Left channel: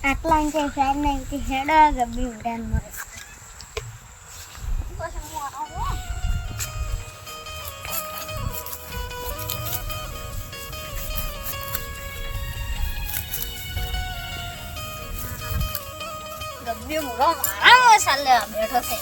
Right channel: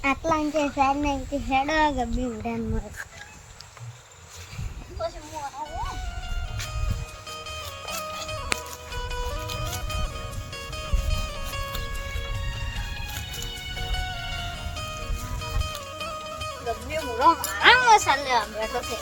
આટલા કે હેડ નહીં કે હેડ ગબ્બી ઉડાન મળે પછી હું આવું ગબ્બી મુરો મારા સાલે બેઠો છે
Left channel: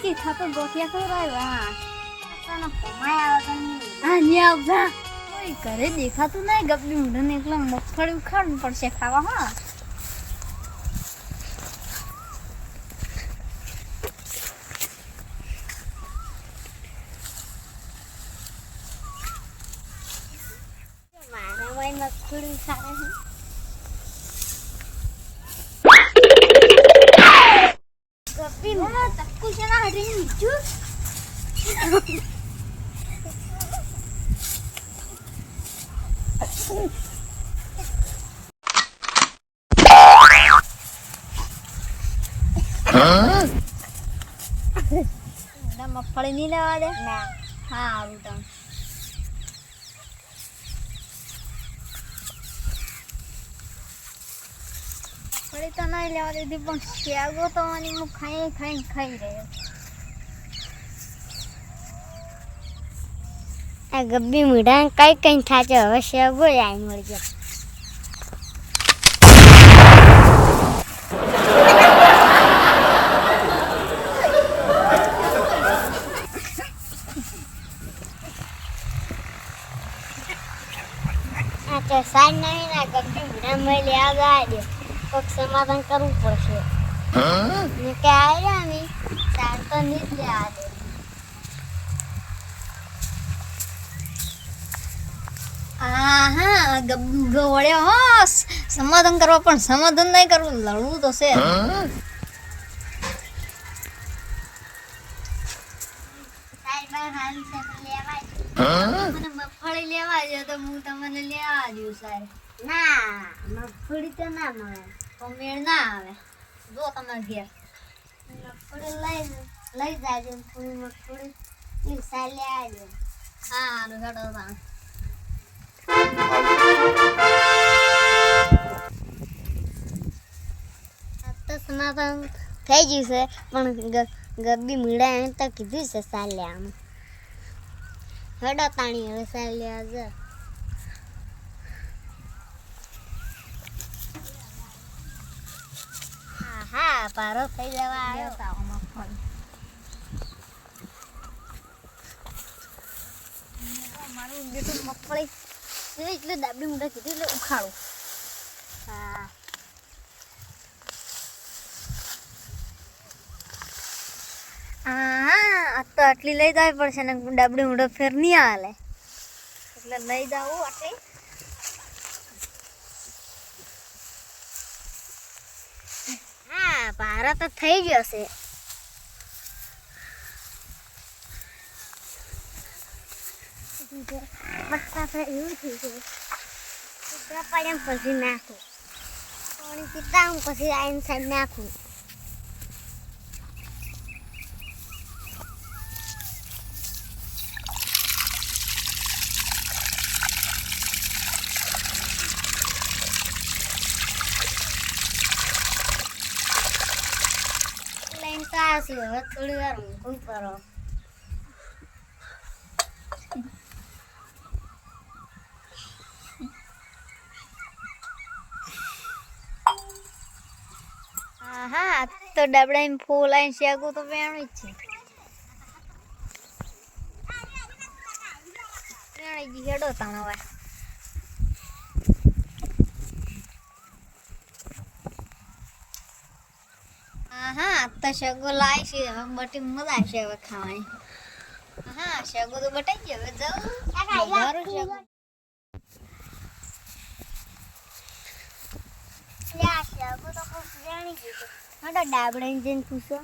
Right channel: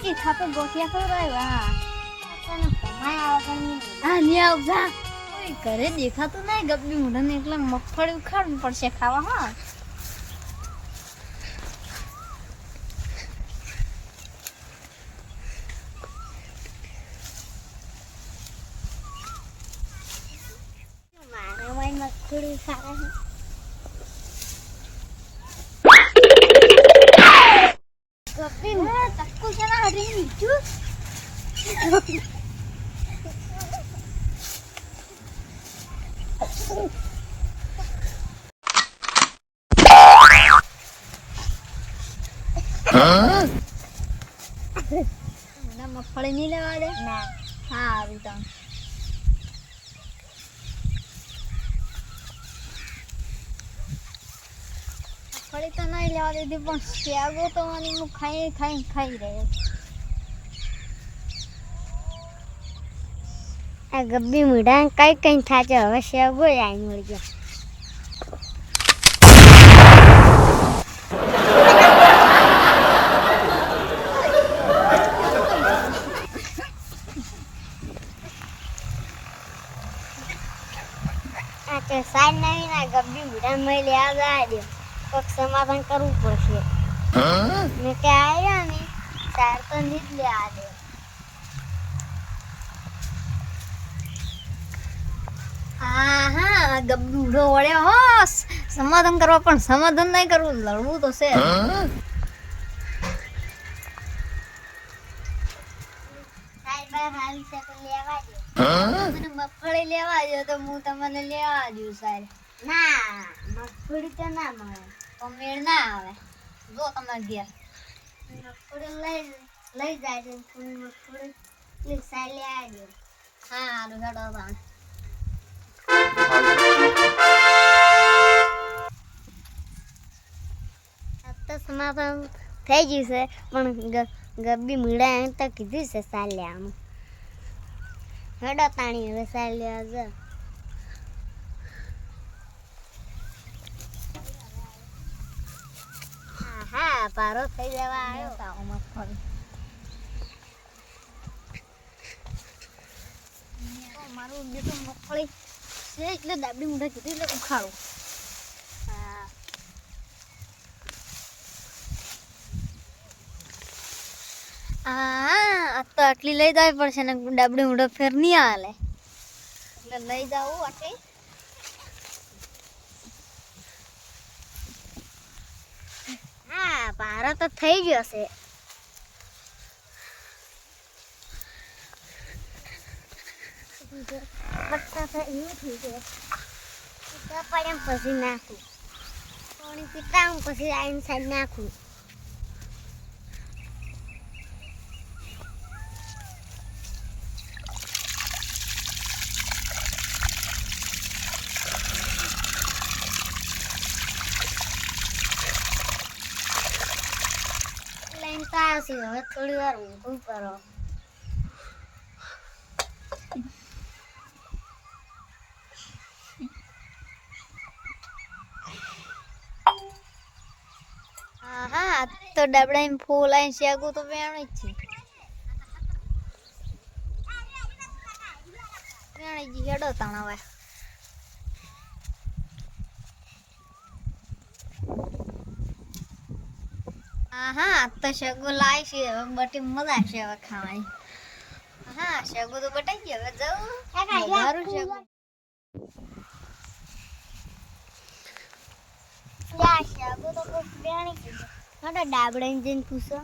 कि खाते गोटिया तो रहेगा तो कमाया आवा नहीं आवा घरे देखा तो नहीं गब्बी मुंडा ने एकला मगफળી ઉખાડવું પડશે ખાવા હા મારા માઈ મગફળી ખાવા હે ગબ્બી મુંડા તક્કુ છે ના હડી નીચું ના મગફળી નહીં લેવા દે ના હા આવી તો મગફળી તો નહીં લેવા દીધી પણ શેગો તો આની હું ખાઈ રહ્યો આ ગબ્બી મીઠા કઈ થાચે હવે શેગો આઈ મળી ગયો આ સાઈડ નહીં ના ગબ્બી મીઠા મેં લેવા દે કોક સમાધાન કરવું પડશે ને કે આયા ને સાર તો નહીં જ લેવા દે હા ગબ્બી ઉડો વળ્યો હો સમાધાન કરવા પણ સમાધાન નહીં કરવું લડવું તો છે મગફળી લેવા દે તો હું તમને લેવા દઉં સાહેબ ના મગફળી તો ના મળે તો મેળ ના આવે જો તમારે ઘેર મગફળી લઈ જાય છે થોડી મગફળી સાહેબ લેવા દે હા સારું હેડો તાણ તો સમાધાન થઈ ગયું છે પણ ગબ્બી મીડા એમ તો કીધું છે સાલ લેવાનું હેડો તાણી હવે સાલ લેવા જા હા પારો થઈ જવા આવ્યો તાવ મગફળી મારું બેટું મગફળી છે એટલે ડાબડી મુંડા કીધું એટલે ઉખાડું હા હા તો આટલી લઈ જવી પડશે ને ડાબડી મુંડા ફેર નહીં હાલે એટલે લઈ જાવું આટલી હા પારો તો થઈ ગયો છે બટ્ટા ફેર એવું થઈ ગયું પડે પછી નાખું પાણી પીતા હું પછી આઈને સાઈડ નાખું લઈને તો આવશે હવે થોડી વાર ઊંઘું કરો હા તો ડાબડા ફૂલ આઈ શેગું તો વેણ જ છે વેણ હેડો તણાવા હા તો શેગો લાય છે હવે બટી મજા આવશે હવે ખાવાની હા શેગો તો બટાઈ ગયો હવે જાઉં શેગો યા શેગો તો ખૂબ વેણી ગયો હડો ડાબડા જઈને પૂછો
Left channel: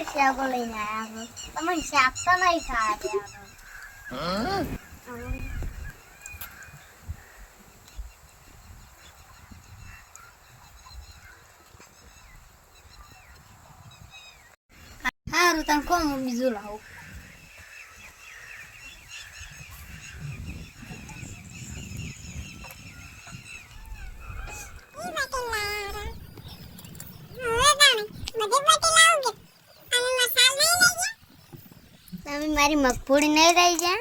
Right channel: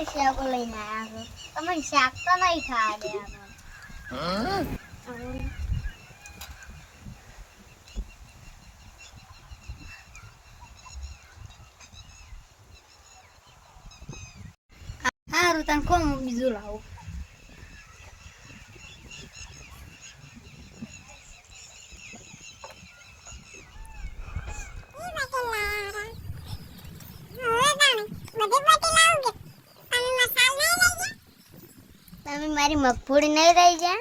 ક્યારે શાકો લઈને આવ્યા છો? તમે શાક તો નહીં ખાવા સારું તને કોમ બીજું લાવું. તમે મારી મગફળી નહીં રહી જા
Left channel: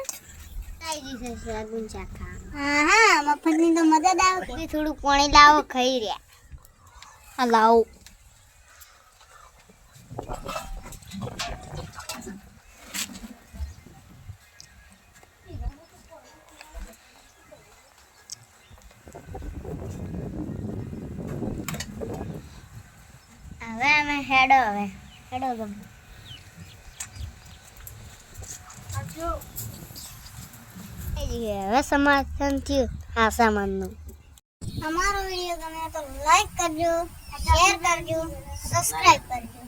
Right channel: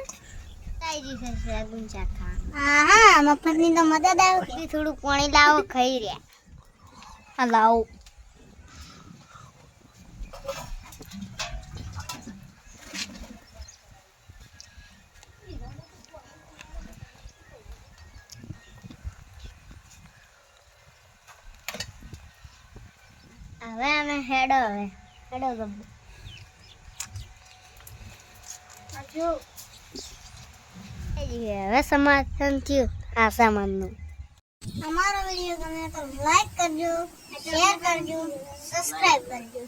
કઈ દિવસ ગુંચા ખા. હા મફતની તો મદદ આવે. થોડું પાણી લાવો, ખાઈ રહ્યા. હા લાવો. હવે અમે હેડો ગમે હવે સમાધાન થયું આ સામાનનું. અમારો વિડીયો ગમે તો લાઈક કરજો, શેર કરજો, સબસ્ક્રાઇબ કરજો.